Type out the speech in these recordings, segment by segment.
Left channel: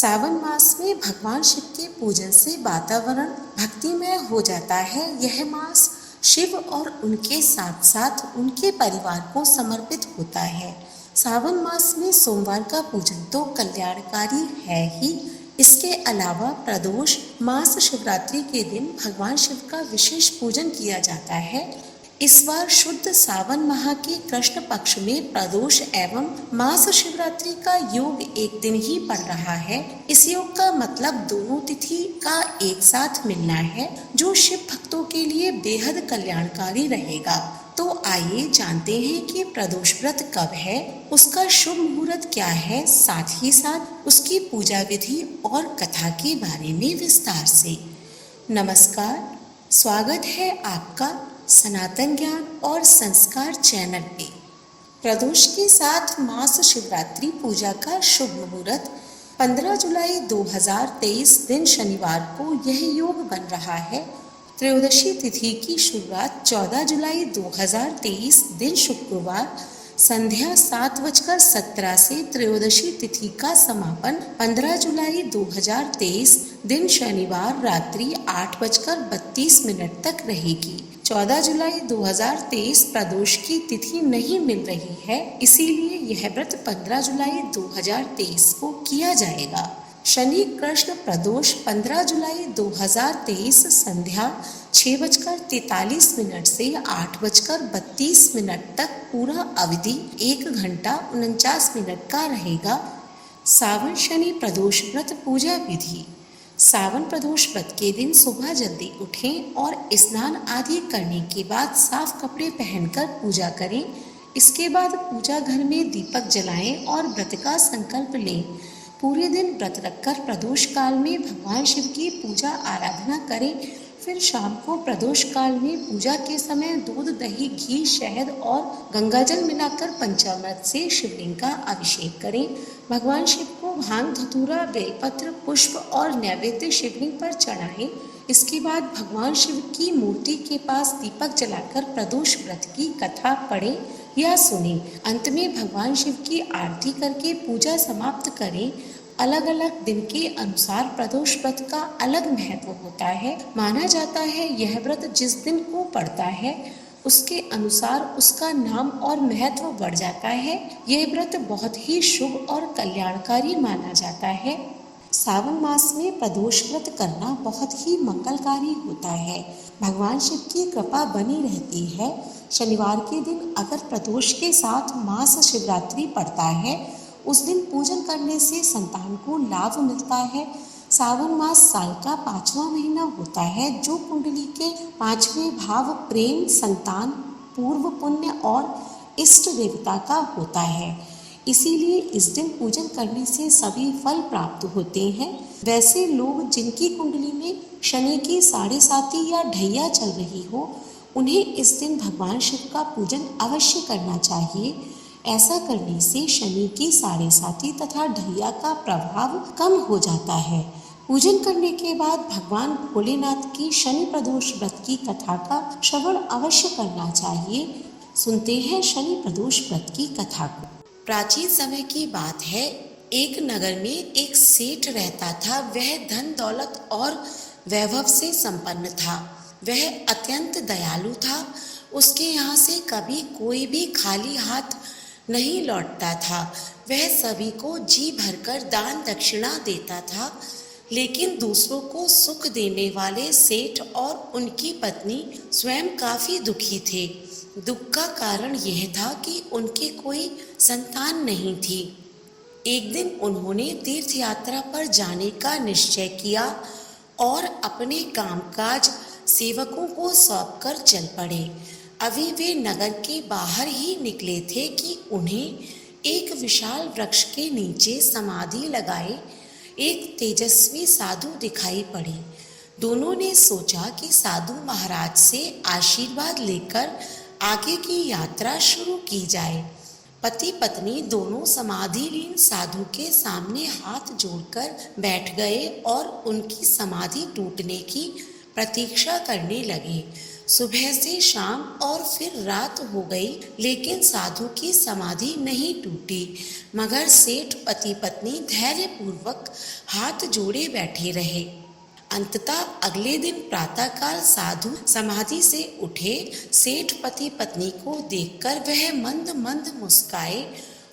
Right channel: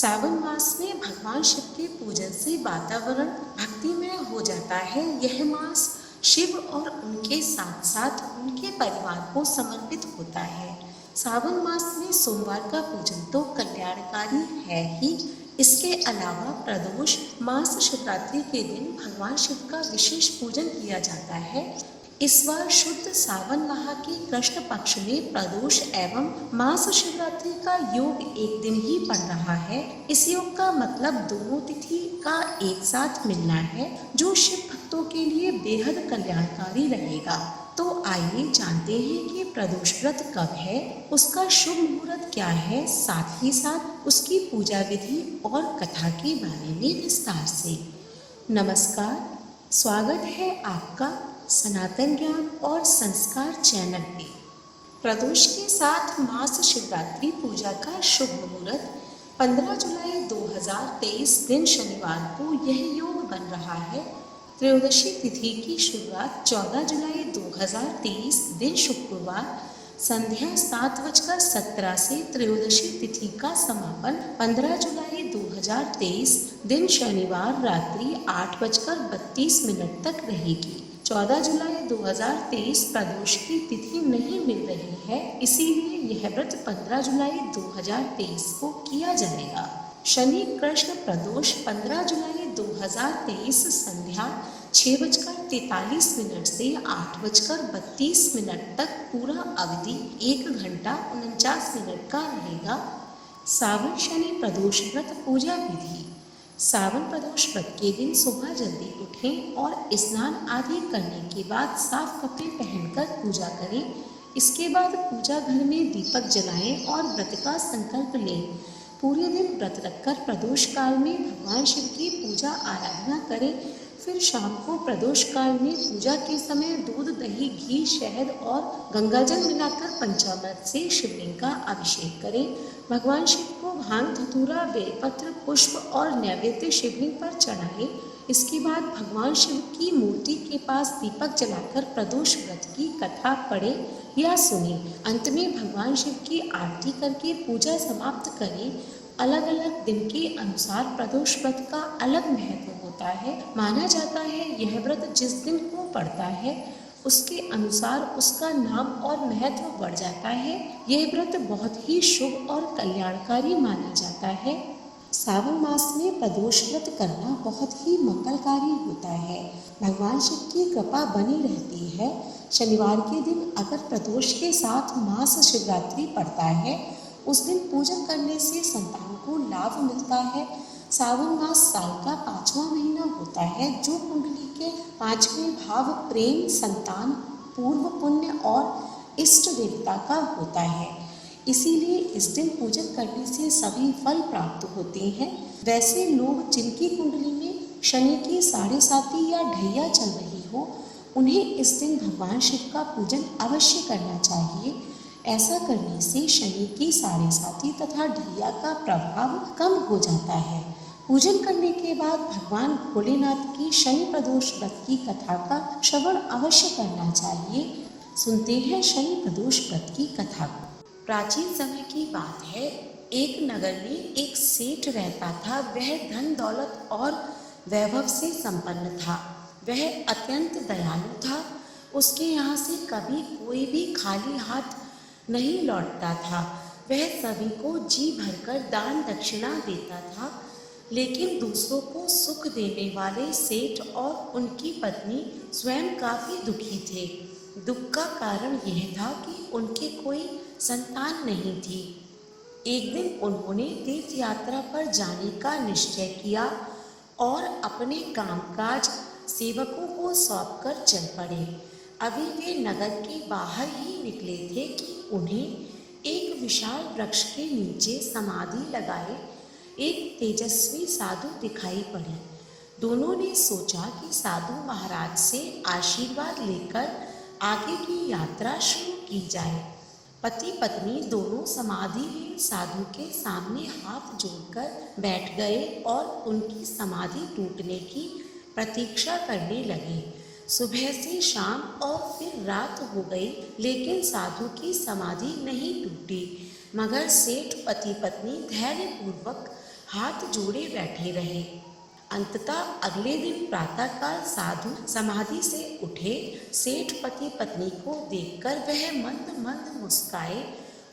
सावन मास में भगवान शिव के पूजन से वातावरण भक्तिमय हो जाता है। यह मास शिव और उनके साथ साथ उनके परिवार को समर्पित होता है। सावन मास में सोमवार का पूजन तो कल्याणकारी है ही, इसके अलावा प्रदोष मास शिवरात्रि के दिन भगवान शिव का विशेष पूजन किया जाता है। इस बार शुद्ध सावन माह के कृष्ण पक्ष में प्रदोष एवं मास शिवरात्रि का योग एक दिन ही पड़ रहा है। इस योग का मतलब दोनों तिथि का एक साथ मिलना है, जो शिव भक्तों के लिए बेहद कल्याणकारी रहेगा। तो आइए जानते हैं कि प्रदोष व्रत कब है, उसका शुभ मुहूर्त क्या है, साथ ही साथ उसकी पूजा विधि और कथा के बारे में विस्तार से। नमस्कार, स्वागत है आपका सनातन ज्ञान और संस्कार चैनल पे। प्रदोष के साथ मास शिवरात्रि पूजा का शुभ मुहूर्त 15 जुलाई 2023 दिन शनिवार को यह योग बन रहा है। त्रयोदशी तिथि की शुरुआत 14 जुलाई 2023 दिन शुक्रवार संध्या 7:17 से त्रयोदशी तिथि का समापन 15 जुलाई 2023 दिन शनिवार रात्रि 8:32 तक रहेगी। 14 जुलाई 2023 प्रदोष की तिथि नहीं मिल रही है, इसीलिए यह व्रत 15 जुलाई 2023 को किया जाएगा। शनि कृष्ण प्रदोष 15 जुलाई 2023 संध्या 6:43 से 8:32 तक पूरा अवधि 1 घंटा 49 मिनट का रहेगा। सावन शनि प्रदोष व्रत पूजा विधि। सावन प्रदोष व्रत के दिन सुबह जल्दी उठें और स्नान आदि करने के बाद साफ कपड़े पहनकर पूजा करें। इसके बाद पूजा घर में दीपक जलाएं और व्रत का संकल्प लें। पूरे दिन व्रत रखकर प्रदोष काल में भगवान शिव की पूजा आराधना करें। फिर शाम को प्रदोष काल में पूजा के समय दूध, दही, घी, शहद और गंगाजल मिलाकर पंचामृत से शिवलिंग का अभिषेक करें। भगवान शिव को भांग, धतूरा, बेलपत्र, पुष्प और नैवेद्य शिवलिंग पर चढ़ाएं। इसके बाद भगवान शिव की मूर्ति के पास दीपक जलाकर प्रदोष व्रत की कथा पढ़ें या सुनें। अंत में भगवान शिव की आरती करके पूजा समाप्त करें। अलग अलग दिन के अनुसार प्रदोष व्रत का अलग महत्व होता है। माना जाता है यह व्रत जिस दिन को पड़ता है उसके अनुसार उसका नाम और महत्व बढ़ जाता है। यह व्रत बहुत ही शुभ और कल्याणकारी माना जाता है। सावन मास में प्रदोष व्रत करना बहुत ही मंगलकारी होता है। भगवान शिव की कृपा बनी रहती है। शनिवार के दिन अगर प्रदोष के साथ मास शिवरात्रि पड़ता है, उस दिन पूजन करने से संतान को लाभ मिलता है। सावन मास साल का 5वां महीना होता है, जो कुंडली के 5वें भाव प्रेम, संतान, पूर्व पुण्य और इष्ट देवता का होता है। इसीलिए इस दिन पूजन करने से सभी फल प्राप्त होते हैं। वैसे लोग जिनकी कुंडली में शनि की 7.5 या ढैया चल रही हो, उन्हें इस दिन भगवान शिव का पूजन अवश्य करना चाहिए। ऐसा करने से शनि की 7.5 तथा ढैया का प्रभाव कम हो जाता है। पूजन करने के बाद भगवान भोलेनाथ की शनि प्रदोष व्रत की कथा का श्रवण अवश्य करना चाहिए। सुनते हैं शनि प्रदोष व्रत की कथा को। प्राचीन समय की बात है, एक नगर में एक सेठ रहता था। वह धन दौलत और वैभव से संपन्न था। वह अत्यंत दयालु था। उसके यहाँ से कभी कोई भी खाली हाथ नहीं लौटता था। वह सभी को जी भरकर दान दक्षिणा देता था। लेकिन दूसरों को सुख देने वाले सेठ और उनकी पत्नी स्वयं काफी दुखी थे। दुख का कारण यह था कि उनके कोई संतान नहीं थी। एक दिन उन्होंने तीर्थ यात्रा पर जाने का निश्चय किया और अपने कामकाज सेवकों को सौंपकर चल पड़े। अभी वे नगर के बाहर ही निकले थे कि उन्हें एक विशाल वृक्ष के नीचे समाधि लगाए एक तेजस्वी साधु दिखाई पड़े। दोनों ने सोचा कि साधु महाराज से आशीर्वाद लेकर आगे की यात्रा शुरू की जाए। पति पत्नी दोनों समाधिलीन साधु के सामने हाथ जोड़कर बैठ गए और उनकी समाधि टूटने की प्रतीक्षा करने लगे। सुबह से शाम और फिर रात हो गई, लेकिन साधु की समाधि नहीं टूटी, मगर सेठ पति पत्नी धैर्यपूर्वक हाथ जोड़े बैठे रहे। अंततः अगले दिन प्रातःकाल साधु समाधि से उठे। सेठ पति पत्नी को देखकर वह मंद मंद मुस्काए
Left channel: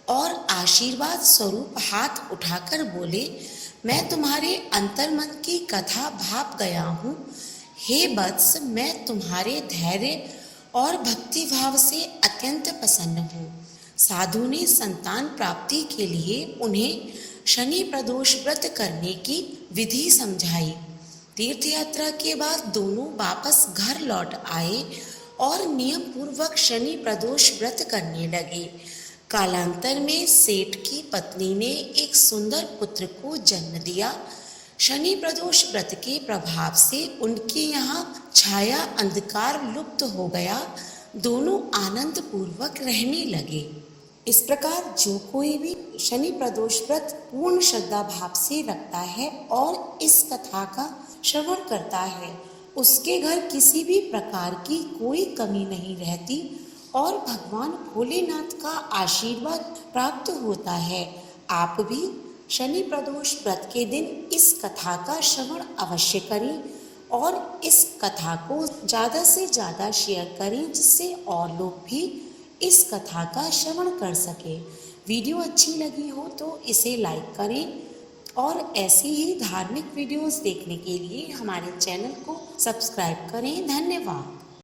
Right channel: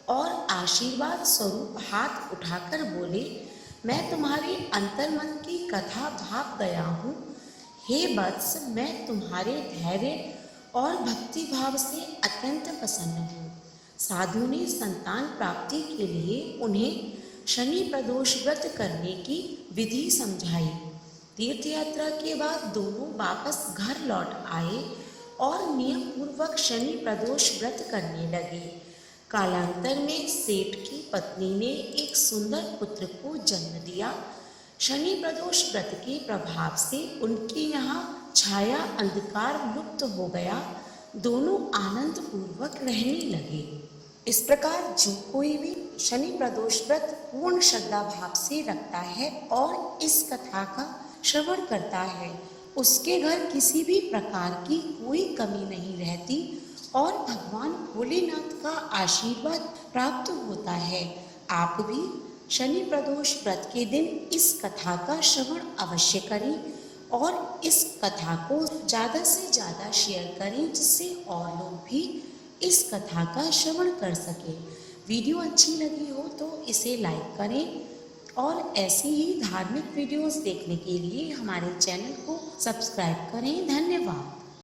और आशीर्वाद स्वरूप हाथ उठाकर बोले, मैं तुम्हारे अंतर्मन की कथा भाप गया हूँ। हे वत्स, मैं तुम्हारे धैर्य और भक्ति भाव से अत्यंत प्रसन्न हूँ। साधु ने संतान प्राप्ति के लिए उन्हें शनि प्रदोष व्रत करने की विधि समझाई। तीर्थ यात्रा के बाद दोनों वापस घर लौट आए और नियम पूर्वक शनि प्रदोष व्रत करने लगे। कालांतर में सेठ की पत्नी ने एक सुंदर पुत्र को जन्म दिया। शनि प्रदोष व्रत के प्रभाव से उनके यहाँ छाया अंधकार लुप्त हो गया। दोनों आनंद पूर्वक रहने लगे। इस प्रकार जो कोई भी शनि प्रदोष व्रत पूर्ण श्रद्धा भाव से रखता है और इस कथा का श्रवण करता है, उसके घर किसी भी प्रकार की कोई कमी नहीं रहती और भगवान भोलेनाथ का आशीर्वाद प्राप्त होता है। आप भी शनि प्रदोष व्रत के दिन इस कथा का श्रवण अवश्य करें और इस कथा को ज़्यादा से ज़्यादा शेयर करें, जिससे और लोग भी इस कथा का श्रवण कर सके। वीडियो अच्छी लगी हो तो इसे लाइक करें और ऐसी ही धार्मिक वीडियोस देखने के लिए हमारे चैनल को सब्सक्राइब करें। धन्यवाद।